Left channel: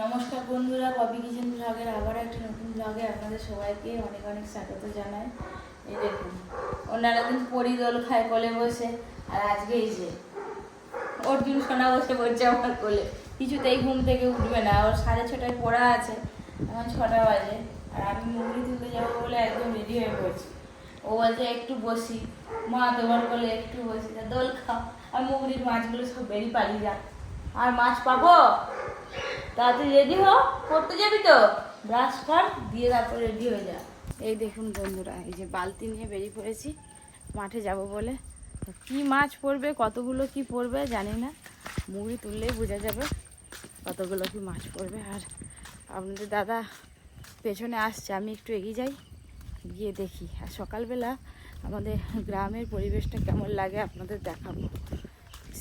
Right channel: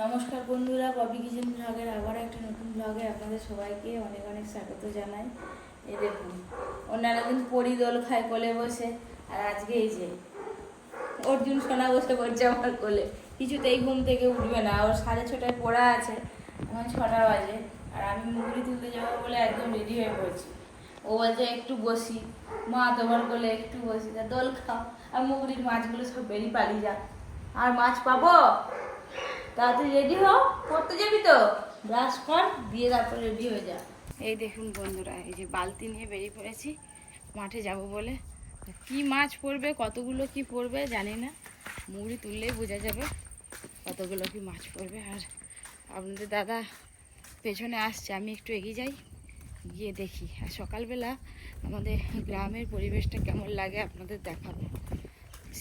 নমস্কার বন্ধুরা, ববি কিচেন ব্লগের আবার একটা নতুন ব্লগে আপনাদের সবাইকে অনেক অনেক স্বাগত জানাই। এই দেখুন, অন্যান্য দিন পরি দোল খায় কোলে বসে, আর আজকে এই যে অর্জুন সোনা বসে পড়ছে আমার কোলে। কিছুতেই ঘুম থেকে উঠবে না, ওর সাড়ে ছটায় পড়া আছে, এখন ছটা বাজে, আর আমি মুরগি তুলতে যাব বলে একদম রেডি হয়ে পড়ছি। ও বলছে, একটু বসি, মা তোমার কোলে একটু বসি দোল খাও। আর মুগরির মাছগুলো সব বেরিয়ে পালিয়ে যাক। আর মাছ পাবো? তাড়াতাড়ি রেডি হ পড়তে যাবি তো? ব্রাশ কর দিয়ে তারপর রেডি হয়ে যা। এই দেখুন বন্ধুরা, এই যে বালতি নিয়ে বেরিয়ে পড়েছি, মাঠে যাব বলে। কি মাছ পড়বে, কতগুলো কি পড়বে, জানি না। মুড়ি তুললেই বোঝা যাবে কতগুলো কি মাছ পড়বে। আর আপনাদের দাদা পেছনে আসছে, আমি একটু এগিয়ে যাই, গিয়ে দেখি। আর সকালবেলা আমাদের গ্রামের পরিবেশটা কেমন লাগে, আপনাদের দেখাবো।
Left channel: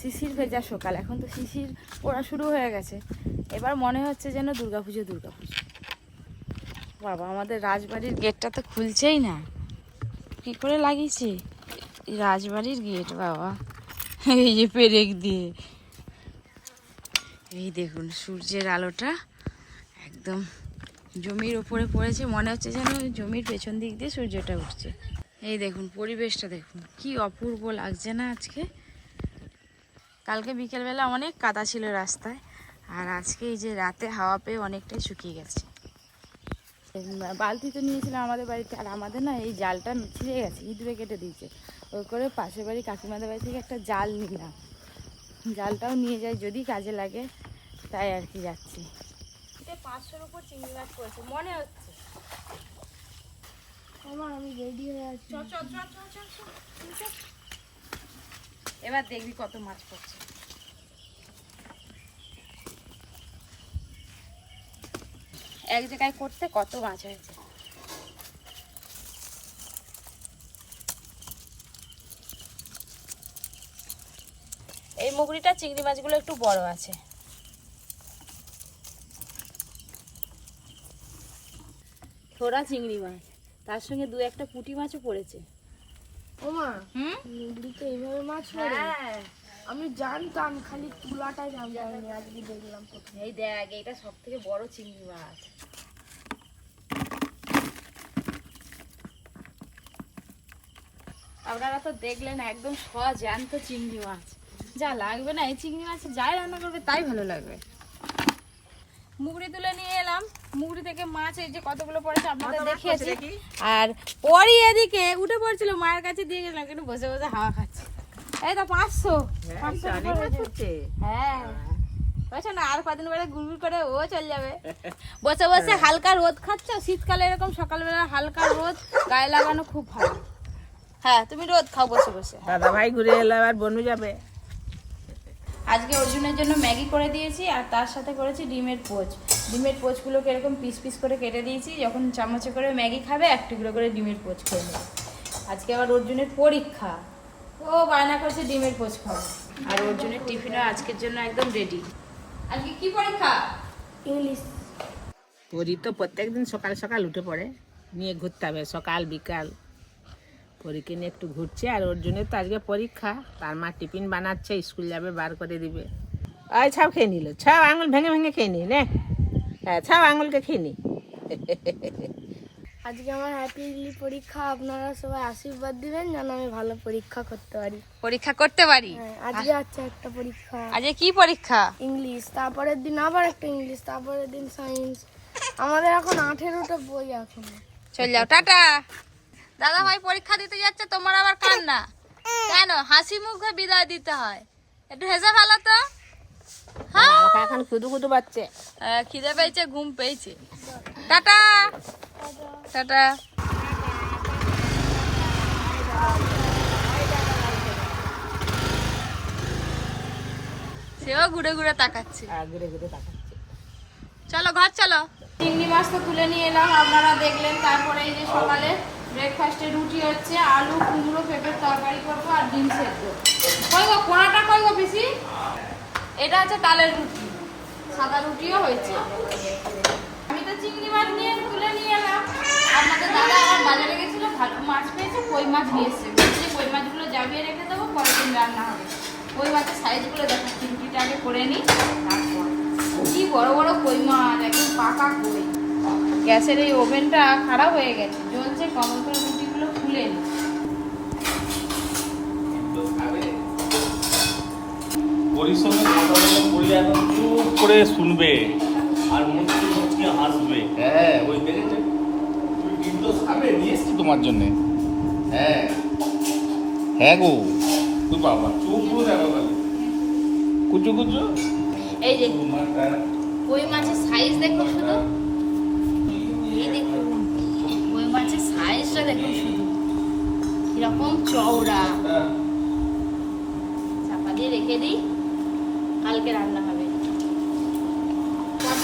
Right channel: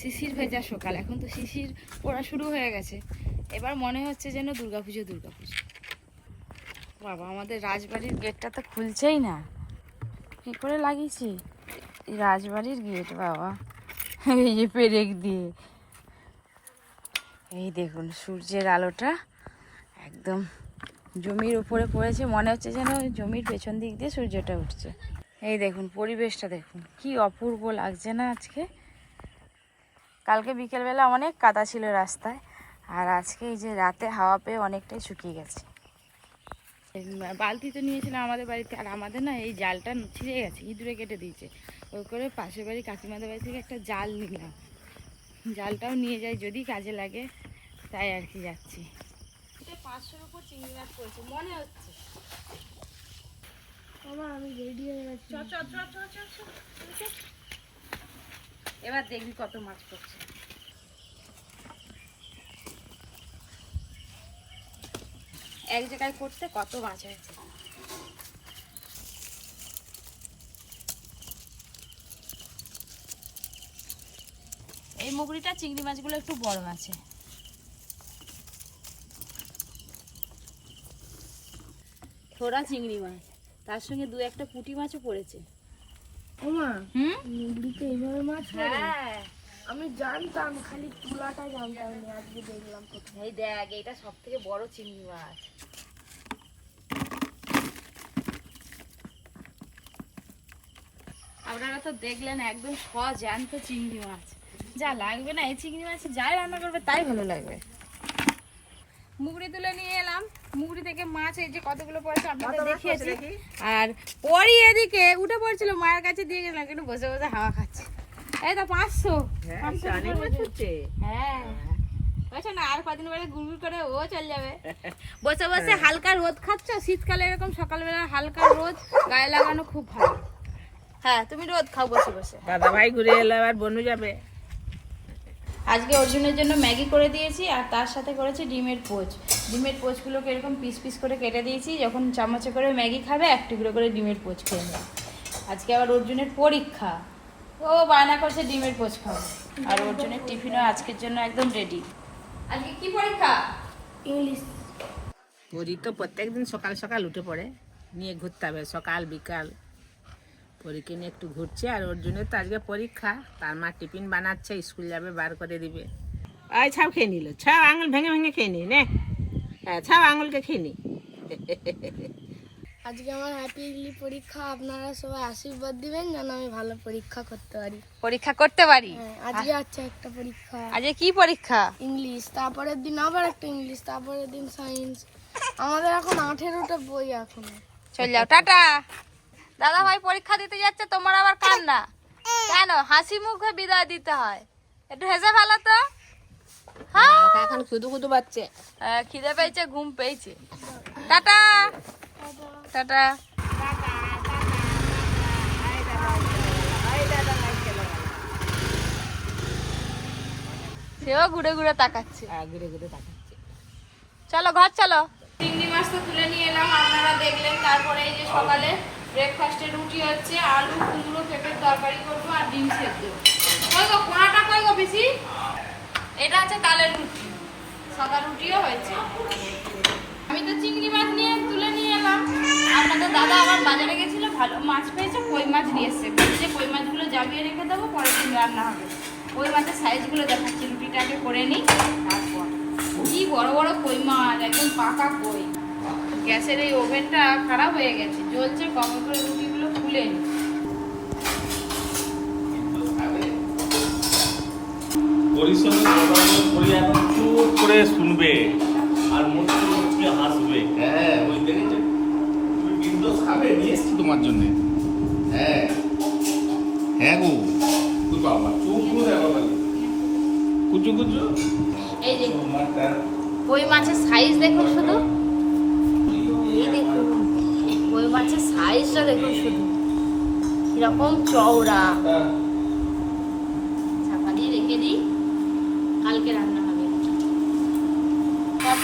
শিশির ভেজা সকাল, এখন তো শিশির পড়া শুরু হয়ে গেছে। এবার মনে হচ্ছে যেন দুর্গাপুজো দুর্গাপুজো। বাবা, আমাদের রাজবাড়ির গেটটা তো খুলছেই না। কি করে লাগিয়েছি? রাজবাড়ির গেট, বাবা। এই যে পেরেক দিয়ে। এই দেখুন, সূর্যের আলোটা একদম জমির উপরে পড়েছে। মনে হচ্ছে যেন জমির পেছন দিক দিয়ে সূর্যটা উঠছে। এই দেখুন, পরিবেশটা দেখুন, কি অপূর্ব লাগছে না আজকে। কালকে বিকেলবেলা অনেক কাদা ছিল রাস্তায় আর আজকে এই যে রাতে হাওয়া পেয়ে অনেকটাই শুকিয়ে গেছে। বালতি তো নিয়েছিলাম আমাদের বাড়িতে আর আমাদের না এই জালটা ছিঁড়ে গেছে ইঁদুরে কেটে দিয়েছে। ওই করে পাশের বাড়ি কাকিমাদের বাড়ি থেকে একটা জাল নিলাম। জালটাও নিয়ে যাই যদি কাজে লাগে তাই আর কি যাচ্ছি। পাঁচশোর উপর চিংড়ি মাছ পড়েছে মনে হচ্ছে। আমার আমি রেডি হয়ে আছি। চ চ চ চ চ চ, চ, চ। এবার দেখবি কত মাছ পড়ছে। এক জায়গায় করতে কত মাছ হয়েছে? এই মুগরিটা, চিংড়ি মাছগুলো একটু বড় আছে। থোড়া চিংড়ি মাছ, তার সঙ্গে দু একটা পুঁটি মাছও পড়েছে। ওমা হুম? নদীতে এইভাবে মাছ পড়ে হ্যাঁ। আমি জানতাম খালি জানতাম আজকে দেখলাম এই দেখ এইটা সব থেকে বড় চিংড়ি মাছ। আপনারা তো দেখলেন একদম সজ্যান্ত চিংড়ি মাছ। যা লাগবে না এই চিংড়ি মাছ যাই রান্না করবে তাই ভালো লাগবে। মুগড়ি তুলে নিয়ে এলাম। মুগড়ি থেকে মাছ এই যে কতগুলো পড়েছে আপনাদের দেখিয়েছি। আর পরই এদিকে উঠে পড়ছিল মায়ের কাছে দিয়ে গেলাম কিন্তু বসে বসে হাওয়া খাচ্ছে। এই তো পাঁচশো। হ্যাঁ বলছে না আর কদিন গুড়গুড় করে ও চলে যাবে। বসে বসে হালকা রোদ খাচ্ছ? শীতকালে এরকম সকালবেলা হালকা রোদ গায়ে লাগানো খুব ভালো। হ্যাঁ তুমি রোদ খাও বসে বসে। দাদা ভাই ঘুরে এলো আবার বনু যাবে। আজকে অর্জুনের জন্য ম্যাগি করে দিয়েছি আর তার সাথে করেছি ডিমের পোচ। ডিমের পোচগুলোকে এরকম পিস পিস করে কেটে দিয়েছি যখন চামচে করে ম্যাগি খাবে এক টুকরো করে ডিমের পোচ খেয়ে নেবে। আজকে আবার অর্জুনের পরীক্ষা। ও বায়না করছে ডিমের পোচ খাবে। আর অর্জুনের টিফিনও আজকের জন্য একদম রেডি আজকে কি পরীক্ষা? ইংলিশ। পরি তো প্রত্যেকদিন সকাল সকাল উঠে পড়ে। নিয়ে ঘুরতে হবে সকাল বিকাল। পরীকে নিয়ে একটু ঘুরছে আর ওর জন্য তো আজকে পরীক্ষা। তার মা টিফিন বানাচ্ছে স্কুল যাবে বার করে দিবে। আয় ছাও খেয়ে নিল ছাও আঙুল ভেঙে ভেঙে খেয়ে নি নে। হ্যাঁ ছাও আঙুলকে খেয়ে নি। আজকে আমার হ্যাপি ইংলিশ পরীক্ষা আপনারা সবাই আশীর্বাদ দিবেন যেন আমি ভালো পরীক্ষা করতে পারি। পরীক্ষা করতে পারি? হ্যাঁ আজকে আছে একটা পরীক্ষা। আজকে কি পরীক্ষা? ইংলিশ তারপরের দিন আবার একটা ইংলিশ তারপরের দিন সায়েন্স। আমাদের এখন আঠেরোটা বই এখন। চল যাও টাটা। দাদা ভাই পরীক্ষা দিতে যাচ্ছে তোমার আবার কান্না। কেন? হাসি মুখে বিদায় দিতে হয়। একটু হেসে ফেলো তো। হ্যাঁ এখন শুধু শুধু বাচ্চে খিদে পেয়েছে ঘুম পেয়েছে। টাটা। টাটা। সেও ঘুরে ঘুরে তাকাচ্ছে। আর ঘুরে ঘুরে তাকাচ্ছে। চলো ঘর চলো। চিংড়ি মাছ তো তুলে নিয়ে এলাম আপনারা দেখলেন তারপরে এই যে সকালে ব্রেকফাস্টে রুটি হচ্ছে, আলু, কুমড়ো, পেঁপের তরকারি করব আর ডিম সেদ্ধ। কই গো কোনাটা কই পিসি? এটা হচ্ছে তালের রুটি। সাদা রুটিও হয়েছে। আমি তো চিংড়ি মাছ নিয়ে তুলে নিয়ে এলাম। আপনাদের দাদা আবার বাজারে গেছিল, ভালো মাছ পেয়েছে, কই মাছ নিয়ে এসছে। বলছে, কই মাছগুলো জাবিয়ে রেখে দেবো, পরের দিন রান্না হবে। কই মাছের সাইজগুলো দেখাচ্ছি, রুটিটা আগে করে নিই, তারপর। কি বড় বড় কই মাছ, একদম পাকা কই। গ্যাসের এই ওভেনটা খারাপ হয়ে গেছে। জ্বলছে কমল করে রুটিগুলো খুলে নি। এখন চুপ করে শুনবে আর মুচকি মুচকি হাসবে। হ্যাঁ ওই দেখেছে তুমি বিন্দুস খাবে নিয়ে এসছি তোমার জন্য। হ্যাঁ। হ্যাঁ গো। তুই বাবা চুপ করে দেখো খালি। কুচু কুচু? এই যে কই মাছের সাইজ দেখুন শুধু। সাইজটা দেখুন শুধু। কীরকম চওড়া। চাপা দিয়ে রেখে দিই কালকে রান্না হবে।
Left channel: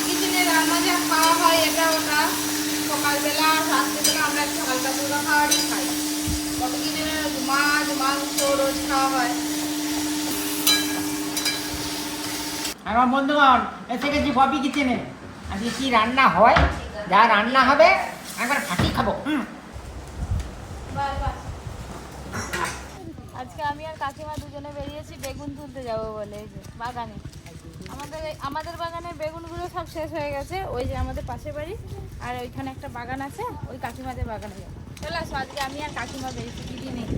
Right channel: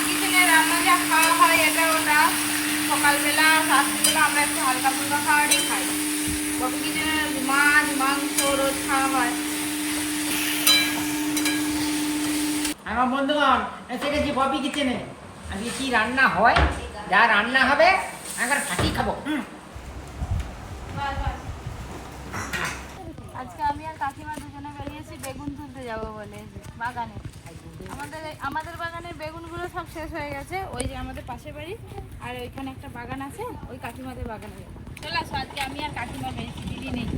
কিচেনে রান্না যা খাওয়া হয় এটা ওটা। সকালবেলা আর রাত্রিবেলা আমরা একটু হালকা ফুলকা খাবারই খাই। কত কিচেনে মাছ মাংস রোজ খাওয়া হয়। আমার বন্ধুগণ এসে গেছি ববি কিচেনে আজকে কি রান্না হয় যা রান্না হবে একবার ফাটি খাব। হুম। আজকে আমি আর কাকিমা দুজনে বেরিয়েছি, বেগুন তুলতে যাব বলে এই যে, বাগানে। আমাদের আমাদের বাগানের বেগুনগুলো সব শেষ হয়ে গেছে। ওই যে আমাদের পাশের বাড়ি, আর ওইখানে একটা বাগান আছে, ওই কাকিমাদের বাগানে যাব। চলে আজকে আমি আর কাকিমা বেরিয়েছি, দিদি নেই।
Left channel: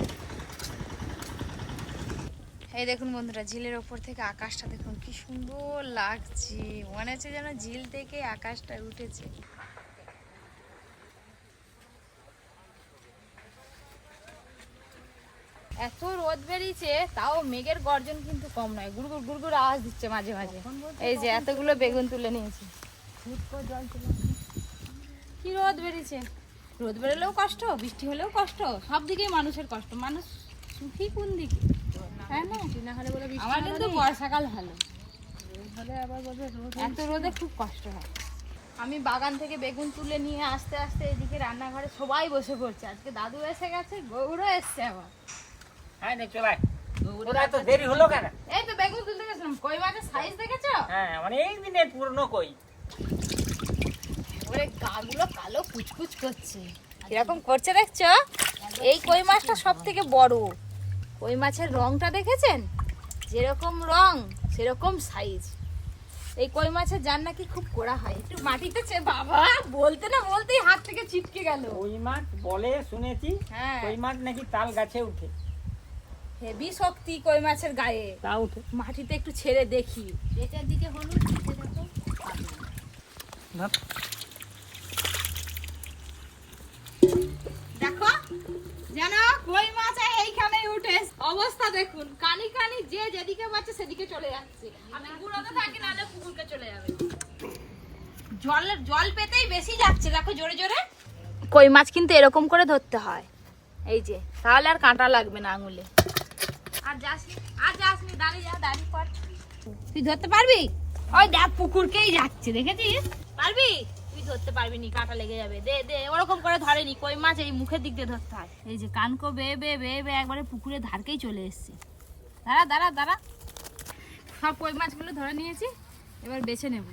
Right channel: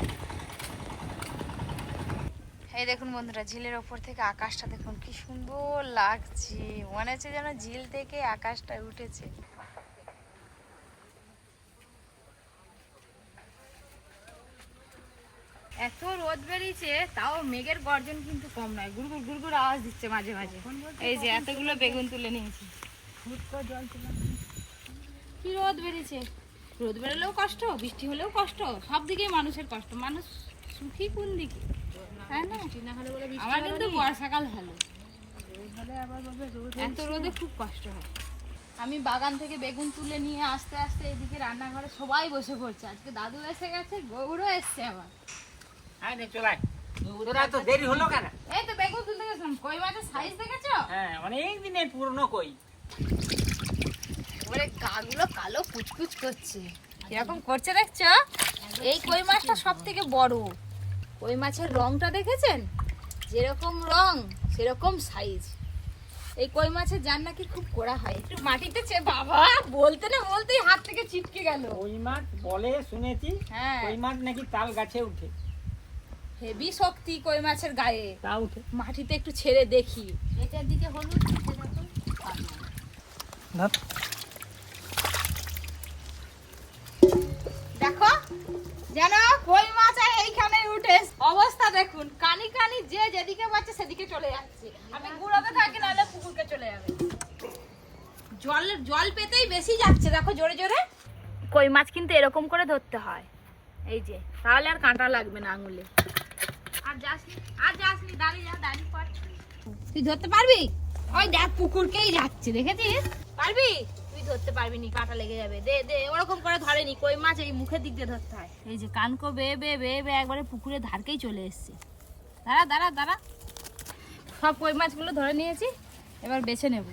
এই দেখুন বন্ধুরা, ঝিলের ওপর থেকে আকাশটা দেখুন কি সুন্দর লাগছে। মনে হচ্ছে যেন ঝিল থেকে আকাশটা উঠেছে। এত রোদ বেরিয়েছে তাও মেঘের গর্জন কিন্তু কম নয়। গুড়গুড় গুড়গুড় আওয়াজ দিচ্ছে মাঝে মাঝে। এই যে এতগুলো বেগুন তুলে নিয়েছি। জল তুলে কি রোদ বেরিয়েছে? রোদ বেরোলেও কষ্ট বৃষ্টি হলেও কষ্ট সব দিকেই মানুষের কষ্ট। মানুষ সুখী কোন দিকে? তাই না? আমার কিন্তু বর্ষাকাল ভালো। এত রোদে খুব কষ্ট হয়। আমি বাগান থেকে বেগুন তুলে নিয়ে আস্তে আস্তে এদিকে রান্নাঘরে সবাই বসে পড়ছে। আজকে দাদু এসে গেছে গৌরও এসছে আবার। হ্যাঁ নে চলে তোরা তো দেরি হলো কেন? এই তো বেগুন তুলতে গেছিলাম। কই মাছের সাইজ দেখেছ? হ্যাঁ অনেক দিনের পুরনো কই। ওরে গাগুলো কালো কুচকুচ করছে। কীরকম করছে দেখছ? এই কই মাছটা সব থেকে বড়। কই মাছের রংটা দেখেছেন? যেরকম রং সেরকম সাইজ এই কই মাছের জান নাকি খুব কোড়া হয়। একটু মাটিতে চে বাবা বলতে না বলতেই হাত থেকে ছিটকে গেল। কই মাছ বলে শুনেছি হ্যাঁ। কই মাছ নাকি তাল গাছে উঠে। হেভি শক্তি কই মাছের গায়ে। তা উঠে মাটিতে একটু ছেড়ে দেখি। এটার দিকে হলুদ দেখো। দেখো যেন কই মাছ আর এইখানে উঠে। অবস্থা দেখুন কানি কানি যে যেদিকে পাচ্ছে সেদিকে চলে যাচ্ছে। আমি গুঁড়োতে থাকি নাহলে পুকুরকে চলে যাবে। জল জল পেতেই বেশি যাচ্ছে দেখো জোরে জোরে। কই মাছ কিন্তু এরকম করে ধরতে হয়। এই যে তাহলে আর কাঁটা লাগবে না আঙুলে। তুই ধরতে পারবি? ওই দেখ, পুকুরকেই যাচ্ছে, দেখেছিস? পারবি? তুই ধরতে পারবি নি, কাঁটা লেগে যাবে। দে দে, ওরকম করে ধরেনি, কই মাছ এই মুখের দিক দিয়ে ধরতে হয়। এই যে কানকো, বে বে বে বে, একবারে পুকুরের ধারকেই চলে এসছে। দাঁড়া দাঁড়া দাঁড়া। সব কই মাছগুলো ধরে নিয়েছি, এবার বেছে নেব।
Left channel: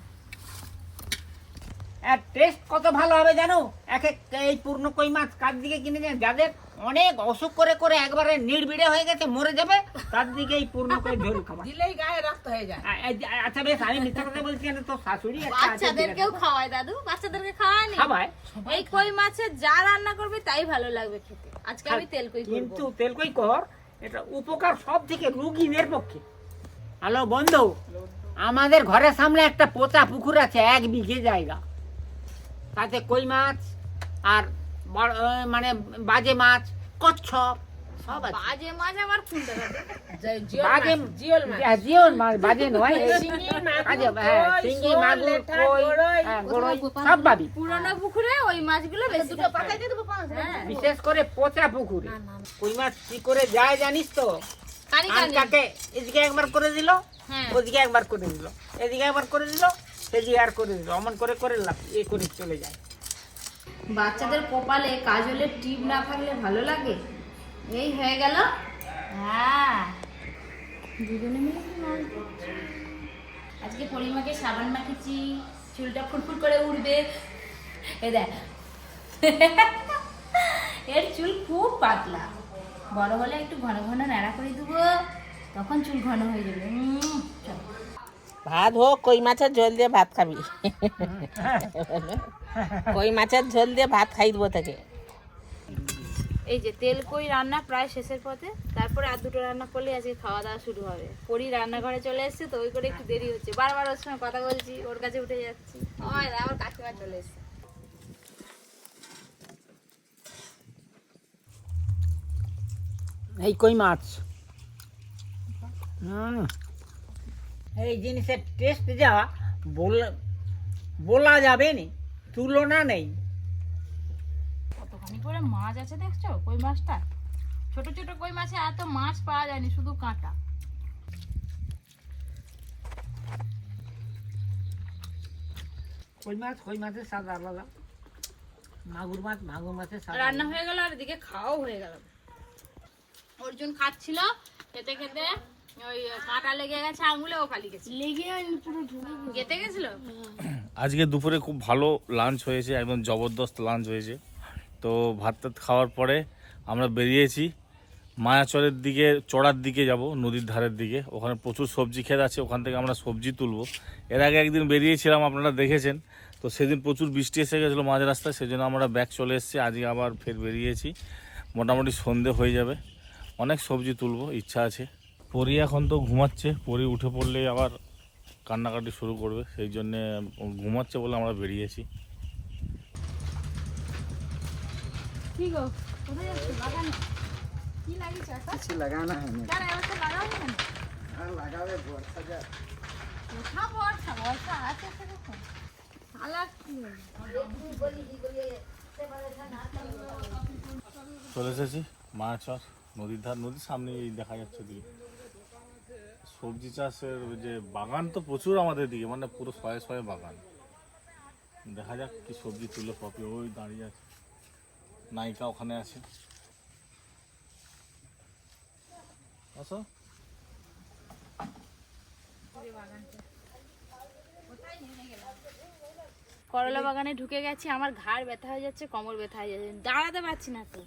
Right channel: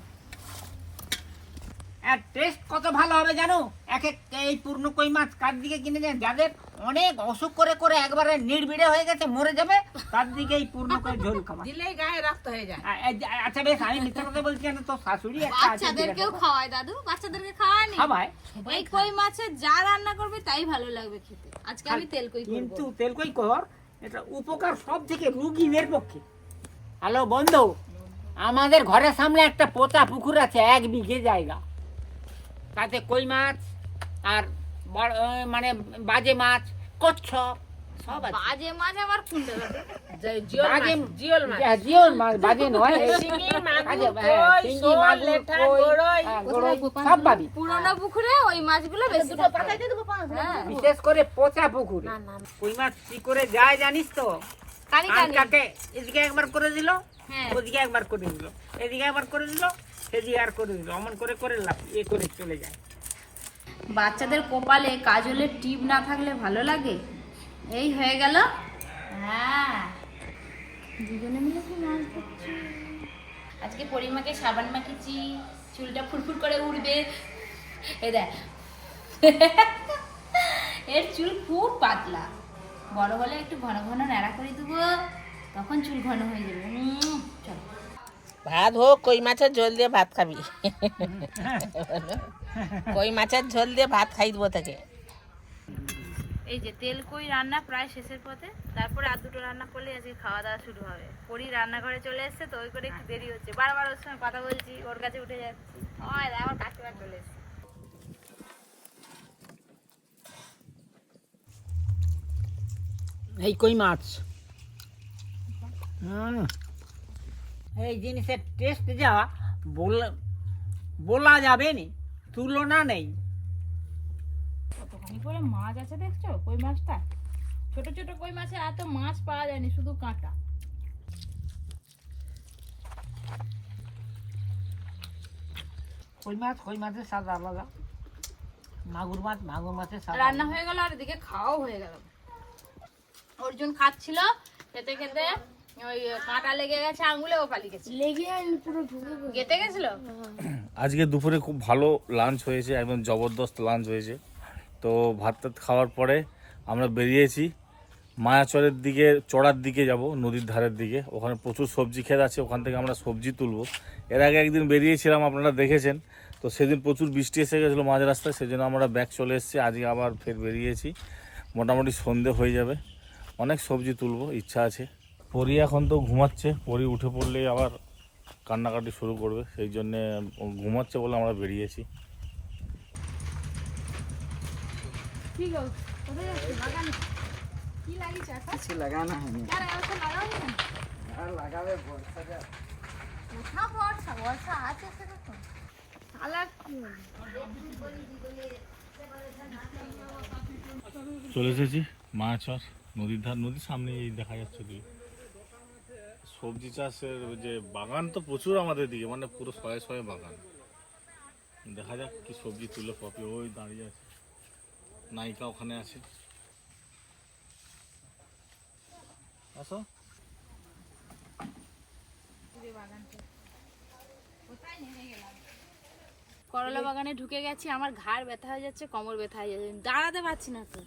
আর টেস্ট কত ভালো হবে জানো? এক এক এই পূর্ণ কই মাছ কার দিকে কিনে যান যাদের অনেক অসুখ করে করে একবারে নির্বিড়ে হয়ে গেছে মরে যাবে তার দিকে এই পূর্ণ কই ঝোল খাবার দিলেই গায়ে রক্ত হয়ে যায়। আচ্ছা বেশ আমি মিথ্যা কথা বলছি কেন? তো শাশুড়ি বাচ্চাদেরকেও খাওয়ায় দাদু বাচ্চাদেরকে খাওয়ায় নি? খাবায় এই কই মাছের যা রান্না করবে তাই ভালো লাগবে খেতে। আজকে আমি তেল কই করব? কিন্তু তেলকই কর এটা উপকার সব থেকে রুগীদের পক্ষে। হ্যালো বন্ধু আমাদের ঘরের সামনে একটা পোতা পুকুর আছে এক বিঘে জায়গা। তাতে কই মাছ আর মানে বাজে মাছ কচ্ছপ সব আছে। বাজে মাছ আবার কোনটা? দাদু যে জিওল বাজে জিওল মাছ। হ্যাঁ, জিওল মাছ বাজে নয়। শিঙি, মাগুর, বাজে, হ্যাঁ, কই, শিঙি, মাগুর, লেঠা, কই, গরই। গরই, সব পাবি পুরোনো পুকুরে ওই মাছগুলো বেশি বিশেষ করে পচা পুকুরে। কই মাছ কি করে যায় জানিস তো? কাকে? এদিকে একবার করে দিল হ্যাঁ। ওদিকে একবার করে দিল। এদিকে একবার করে দিল সেদিকে আর করে দিল। অমন করে করে লাভ এ করে চলে যায়। বাচ্চাদের কপালে কাজলের টিপ না থাকলে ভালো লাগে? এই হয়ে গেল। হ্যাঁ। দুজনে মিলে? আজকে পরিমাকে সাবান মাখিয়েছি চুলটা ফুরফুর করে উঠবে এ দেখ। এর চুল খুব পাতলা। বড় হলে একটু ঘন ঘন ন্যাড়া করে দেবো তখন চুল ঘন হয়ে যাবে। ভাত হোক কই মাছের জল দিয়ে ভাত খাবি। কই মাছের ঝোল দিয়ে ভাত খাই দেবো থেকে এই যে তেল কই রান্না প্রায় শেষের পথে তারপরে আর দুটো রান্না করলে আজকে খাওয়া দাওয়া শুরু হবে। পরি রান্নাঘরে চলে এসেছে তো ওই করে একটু দেরি হচ্ছে। বারবার ওর সঙ্গে কথা বলছি ওর কাছে উঠে যাচ্ছি। হয় আমার কাকিমা চলে এসেছে। এই কই মাছ। এই জিনিসের টেস্ট যা বলা বলা যাবে নি। তুলনা নেই। কতখানি করে মাছ আছে দেখছ? কই মাছটা? ছোট ছোট কই মাছে? এত মাছ পাওয়া যায়নি শুধু কাঁটা। কই মাছ? কই মাছের স্বাদ আলাদা। মাগুর মাছ মাগুর মাছের স্বাদ রান্না হয়ে গেল আর এদিকে খাওয়াও হয়ে গেল। অর্জুন খাচ্ছিল খেতে খেতে আজকে দুপুরে খুব ভালো লাঞ্চ হয়েছে একদম জবরদস্ত লাঞ্চ হয়েছে। তো ভাত টাত খাওয়ার পরে আমরা বেরিয়েছি মায়াচরের দিকে চড়ার দিকে যাব নদীর ধারের দিকে। ওখানে প্রচুর সবজি ক্ষেত আছে ওখান থেকে আমরা সবজি তুলবো। এর আগে একদিন বেরিয়েছিলাম আপনারা দেখেছেন। তো সেদিন প্রচুর বৃষ্টি এসে গেছিল মাঝ রাস্তায় সেজন্য আমরা ব্যাগ চলে এসেছি। আজকে আবার ফের বেরিয়েছি। মোটামুটি সন্ধে হয়ে যাবে। অনেক সবজি তুলবো ইচ্ছা আছে। পরি এখন তো ঘুমাচ্ছে। পরি উঠে পড়লে আবার কান্নাকাটি শুরু করবে। সেই জন্যে ঘুমাচ্ছে বলে আমরা বেরিয়েছি? চলে এসেছি মায়াচর নদীর ধার। নদীর সামনে এই দেখা যাচ্ছে দিকে। সবজি চাষের যে বাগান তো প্রচুর আমাদের দিকে মানে পুরো শয়ে শয়ে বাগান। দেখা যাক কি সবজি তুলে পপি, ওই দাঁড়িয়ে আছে। নায়িকা ওখানে আছে। আসো। করলা বাগানে ঢুকে গেছি, আমার ঘাড় ব্যথা হয়ে যাচ্ছে, কোমর ব্যথা হয়ে যাচ্ছে, দাঁড়াতে পারছি না তো।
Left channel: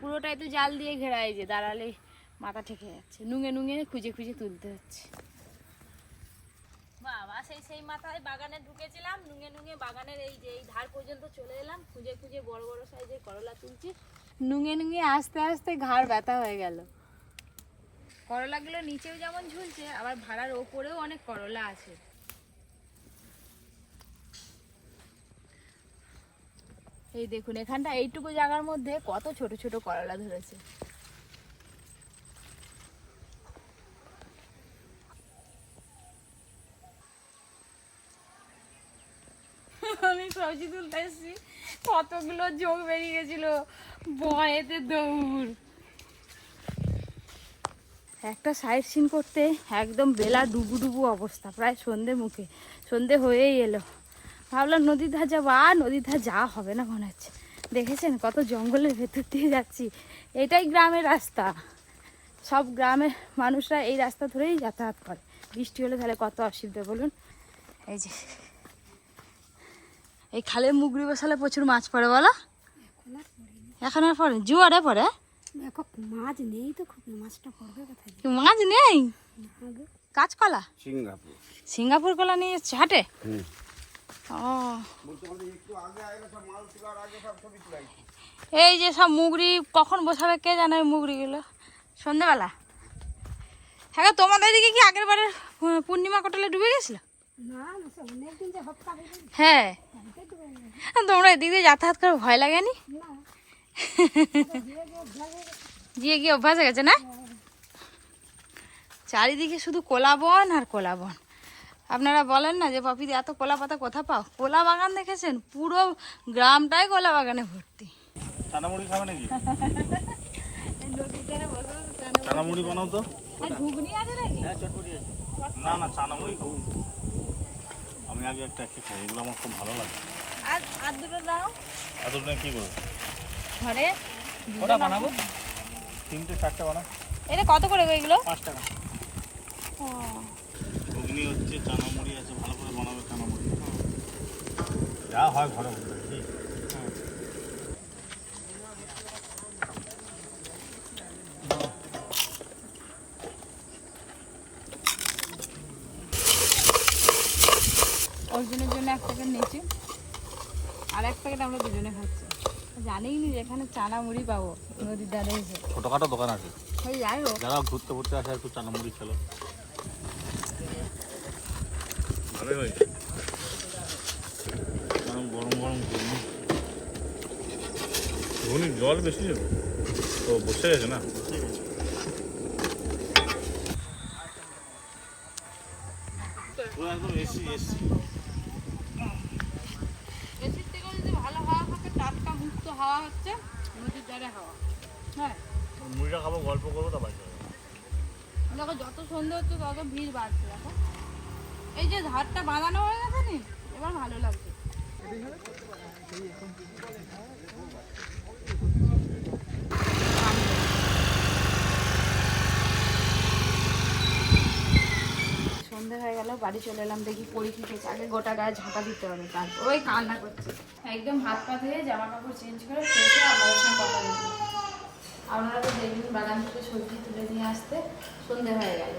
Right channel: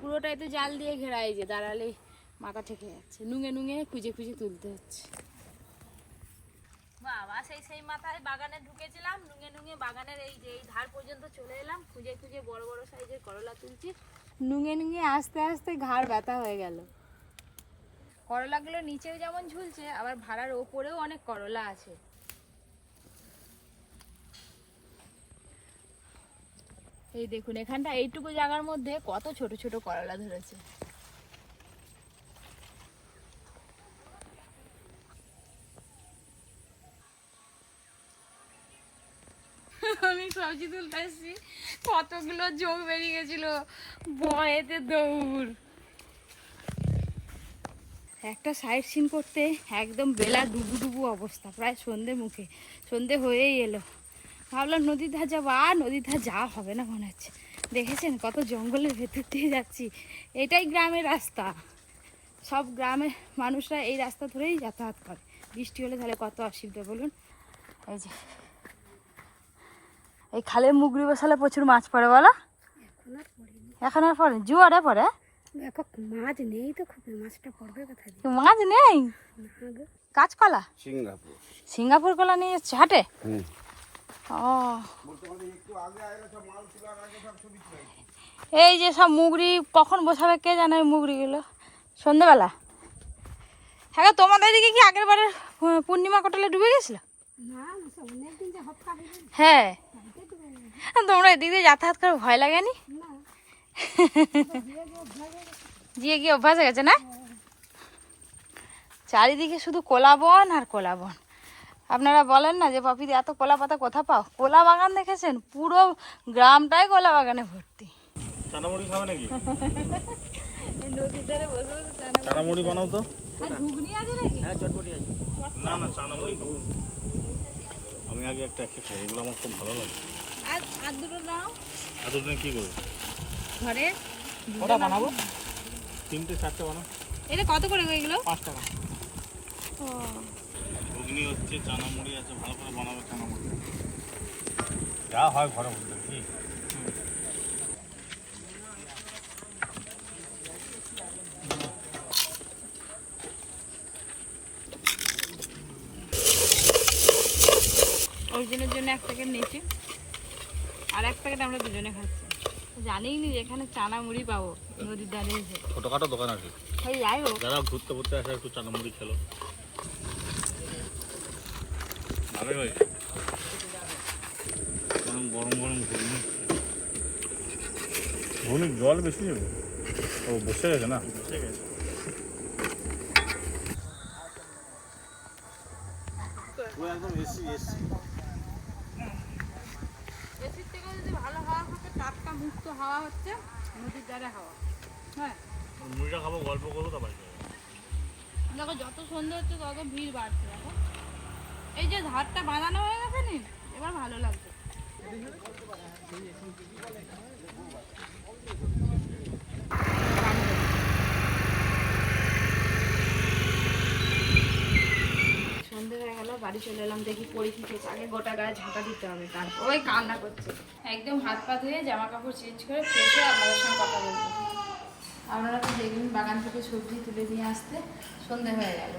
পুরোটাই তো জাল দিয়ে ঘেরা, এই যে দাঁড়ালে মাথা ঠেকে যাচ্ছে। নুঙে নুঙে খুঁজে খুঁজে তুলতে হচ্ছে। বাবা, সেই সেই মাথায় বাগানে ঢুকেছিলাম, নুঙে নুঙে বাগানের এই যে, এই ধার পর্যন্ত চলে এলাম, খুঁজে খুঁজে বড় বড় সাইজের করলা তুলছি। নুঙে নুঙে আস্তে আস্তে ঘাড় ব্যথা হয়ে গেল। করলাগুলো নিচেও যেমন ঝুলছে, আবার ভাড়ার ওপরেও অনেক করলা আছে। এই দেখুন, এখানটা এইটুকু জায়গার মধ্যে কত ছোট ছোট করলা ধরেছে আমি সবজি তুলতে এসেছি কতগুলো যোগ বেরিয়ে গেছিল। ভয়েতে দৌড়। একটা সাইড সিন করতে একদম বেলা ডুবু ডুবু অবস্থা, প্রায় সন্ধে মুখে। সন্ধে হয়েই এলো। ভাবলাম নদীর ধার যাব, আর নদীর ধার যাওয়া হবে না মনে হচ্ছে। দেখেছেন কত জঙ্গলের ভেতর দিয়ে যাচ্ছি। এটাই গ্রামের রাস্তা। সব গ্রামের মানুষরা এই রাস্তা ধরেই যাতায়াত করে। বৃষ্টি হলে তাহলে কত অসুবিধা, বলুন? এই যে এই খালে মুগরি বসালে প্রচুর মাছ পড়ে বলো? এখন আর পড়ে? জোয়ারে পড়ে? মাছ নেই তো খুব মাছটা পড়বে কোথায় মাছ নেই? কাঁচকলা? সিঙ্গাপুর। সিঙ্গাপুর কলা নিয়ে এসছে হাটে? ও। এই যে সব মুগরি কখন বসাবে কে জানে ওই মুগরিগুলো? সন্ধ্যেবেলা। হ্যাঁ তোমাদের দিকে কি আগের বারের পূর্ণিমা কটালে ডুবে গেছিল? হ্যাঁ তোমরা এদিক দিয়ে যাতায়াত করে ভয় লাগেনি গিয়ে গিয়ে অভ্যাস হয়ে গেছে না? চারিদিকে শুধু কোলা বন আর কোলা বন আপনারা বলেন না যে পপিদি এত কোলা পাতা কোথা পাও? কোলা বাগান দেখেছেন? পুরো গ্রামটাই কোলা বাগানে ভর্তি। চানামুড়ি খাবে নাকি? চানামুড়ি বানাও তো। ঘুগনি আছে নাকি? না না চানামুড়ি আমি আগে একটা একটা খাই এগুলো আমার খুব ভালো লাগে। আর আর দুটো দাও দুটো কি করব? ঘরে কটা বানাবো? তিনটে চারটে বানাও। এটা কত করে গো এগুলো? পাঁচ টাকা। ঘুগনি হচ্ছে চানা মুড়ি আছে ভালো করে বানাবে চানামুড়ি। যা হয় ঘরে বলতে কি এক প্যাকেট নিয়েছি। আর এক প্যাকেট আমরা দুজনে খাচ্ছি। জানিই নি এখানে চানা মুড়ি পাবো নদীর ধারে এসে। ছোটখাটো দোকান আছে। ওই যাই হোক। যারা ঘুরতে ঘুরতে আসে একটু চানামুড়ি খেলো। ভালোই কারণ গরম গরম ঘুগনি জল বেশি ও বসে গেছে না? ও একদম এসি এসি এসির থেকে যদি ভালো হাওয়া থাকে টাটকা মুক্ত হাওয়া হচ্ছে হ্যাঁ। মুড়িটা খাব গল্প করব তো বাড়ি দেখো যত সন্ধ্যে হচ্ছে তত ভিড় বাড়ছে দেখো। এই যে ধারটা বাঁধানো হয়ে গেছে নি? এবার ভালো লাগছে। সন্ধে হয়ে গেল, বাড়ি চলে এলাম, দেখি পরীক্ষা খেয়েছে আগে গোটা গায়ে ঝাঁটা দিতে হবে, তারপর ওই কান্না করছে। একদম হাত পা ধুয়ে জামা কাপড় চেঞ্জ করে ফ্রেশে আপনাদের সঙ্গে কথা বলব। আপনারা তো দেখবেন বাগান থেকে সবজি তুলে নিয়ে আসতে সন্ধে হয়ে গেল।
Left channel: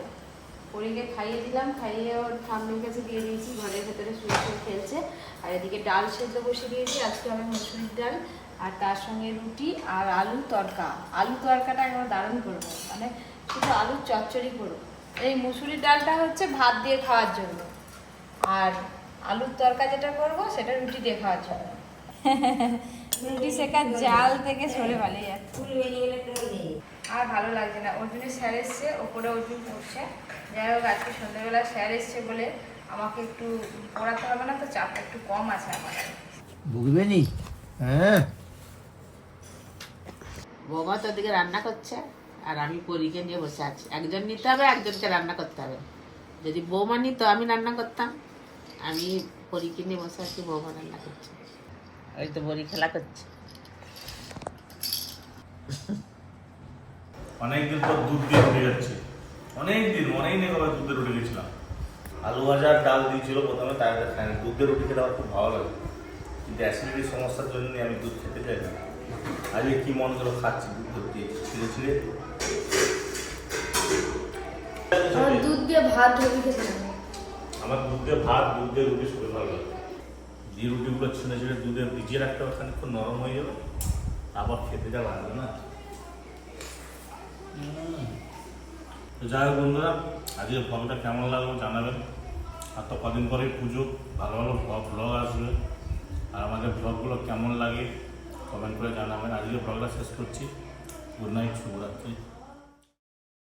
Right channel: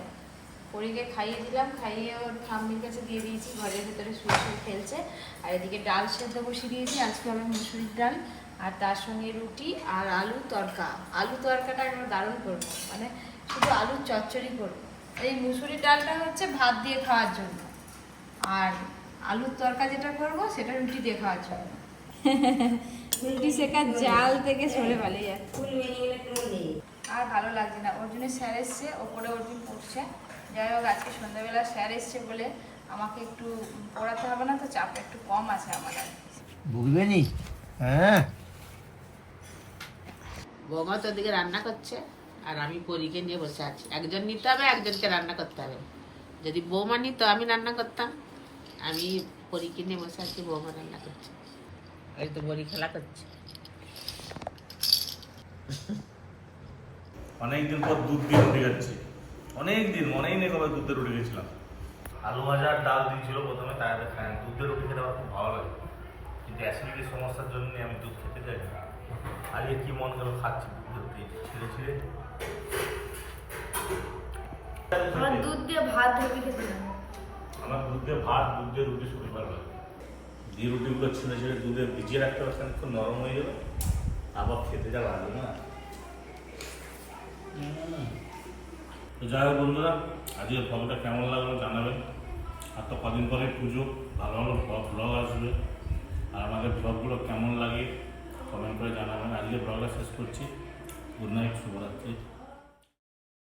পরীকে খাইয়ে দিলাম, খাইয়ে ওর ঠাম্মির কাছে দিয়ে দিয়েছি, ঘরের ভেতরে শুয়ে শুয়ে খেলছে। আর এদিকে ডাল সেদ্ধ বসিয়ে দিয়েছি, আজকে আমার মুসুরির ডাল আর তার সঙ্গে রুটি আর আলু তরকা। আলু তরকাটা আমরা দারুণ করব মানে শুধু আলুর চচ্চড়ি করব। এই মুসুরি ডালটা হচ্ছে ভাত দিয়ে খাওয়ার জন্য। আর আলুর তরকা যেটা করব সেটা রুটি দিয়ে খাওয়ার জন্য। রুটি শেখার জাল থেকে সরে পালিয়ে যাচ্ছে। আর ভালো লাগছে না। ওর জন্য স্যার এসছে ওপরে ওজন পড়ছে যাই হোক আজকে সন্ধ্যাবেলা স্যার এসছে বলে আমাকে একটু পড়াতে হবে না তো চাপটা একটু কম আছে আমার আর কি। বুঝবে নি? হ্যাঁ। বৌমা তো ওদিকে রান্না করছে? আর আমি পরীকে নিয়ে বসে আছি। একজন নিতে হবে, একজনকে রান্না করতে হবে। যদি বৌমা নিত, আমি রান্না করতাম। আমি পরীকে নিয়ে বসে আছি, বৌমা রান্না করছে। ওই তো বড়ি খেলা করছে। অনেকদিন পর দুধ দিয়ে রুটি খাচ্ছি। অনেক দিন অনেক দিন আবার দুধের রুটি খেয়েছিলাম আলু ভাজা ডাল দিয়েছিল প্রথমে, তাই খাই দুধের রুটি খেতে আমার খুব ভালো লাগে। কিন্তু অ্যাসিডিটির সমস্যার জন্য আমি দুধ খেতে চাই না। আজকে কি মন করে খাচ্ছি দুধ করতে ছিঁড়ে ছিঁড়ে আমার দুধ দিয়ে ভাত রুটি খেতে আমার দুধ দিয়ে ভাত দুধ দিয়ে রুটি শুরু ভালো লাগে। দিয়ে রুটিগুলো ছিঁড়ে ছিঁড়ে দুধে ভিজিয়ে রাখতে হবে খানিক্ষণ নরম হয়ে যাবে আবার খেতে যা লাগবে না। যাই হোক বন্ধুরা আজকে ব্লগটা কেমন লাগল জানাবেন। আর তো কদিন পরেই পুজো ভালো ভালো ব্লগ ব্লগ আসবে। আর আমাদের ব্লগগুলো কেমন লাগে কমেন্ট করে জানাবেন। আজকে ব্লগটা শেষ করছি। গুড নাইট শুভরাত্রি।